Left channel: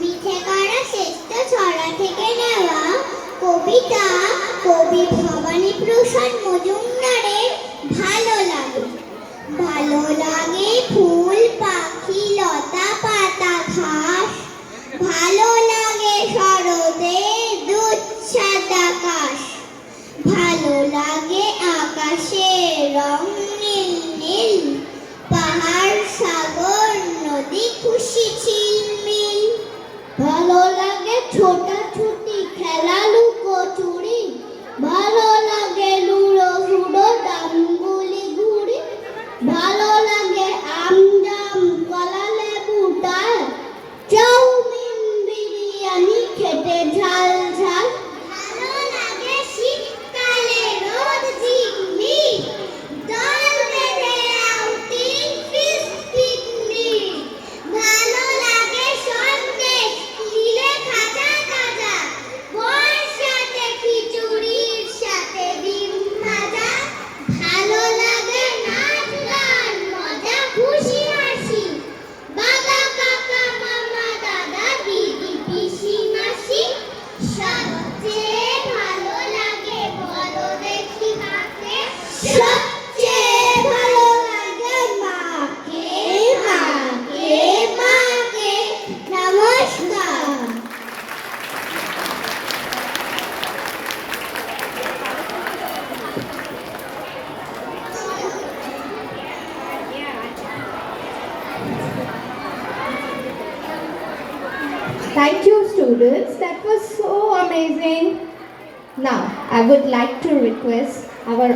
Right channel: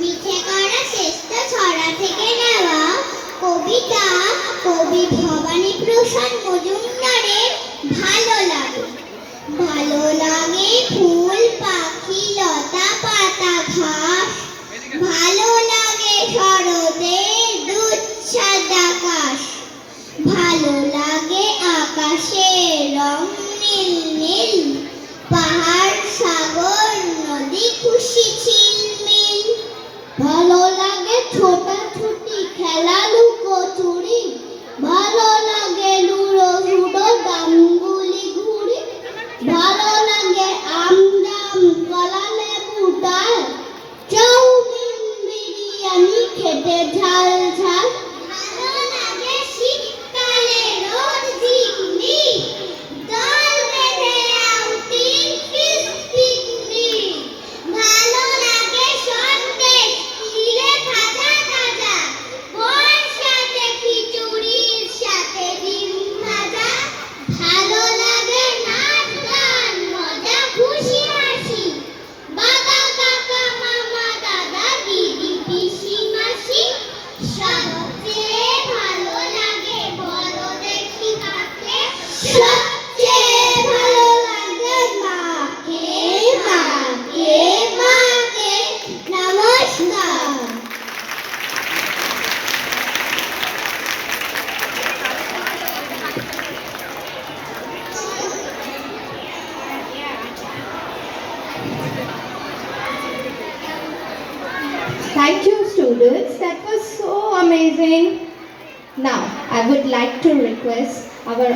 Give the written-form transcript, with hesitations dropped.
মিঠে করা শ্রেষ্ঠ ছড়া থেকে নেওয়া কবিতা কবি ভবানী প্রসাদ মজুমদারের ভালো লাগে। ভালো লাগে ফুল পাখি লতা পাতা ঘাস, ভালো লাগে শরতের দুঃসাদ আকাশ, ভালো লাগে আকাশের রং নীল নীল, পাহাড় সাগর নদী খুশি ঝিলমিল। ভালো লাগে ছোটাছুটি খেলা লুকোচুরি, ভালো লাগে লুডো জুডো ডাঙ্গুলি ঘুড়ি, ভালো লাগে আম জাম কলা লেবু ডাল, চাউমিন বিরিয়ানি খেতে ঝাল ঝাল। ভালো লাগে শীতকালে রোদ ঝিকমিক, দল বেঁধে আউটিং ফিস্ট পিকনিক। ভালো লাগে সন্দেশ তিলে ভাজা ভাজা, বর্ষাতে খিচুড়ির সাথে ডিম ভাজা। ভালো লাগে নাচ গান মজা খুশি হাসি, বাবা কাকা মামা দাদা দিদি পিসি মাসি। সবচেয়ে ভালো লাগে বড়দের হাতে, সবচেয়ে ভালো লাগে মাকে মাকে মাকে। নমস্কার। Thank you, students. That was so amazing. Now, I would like to request our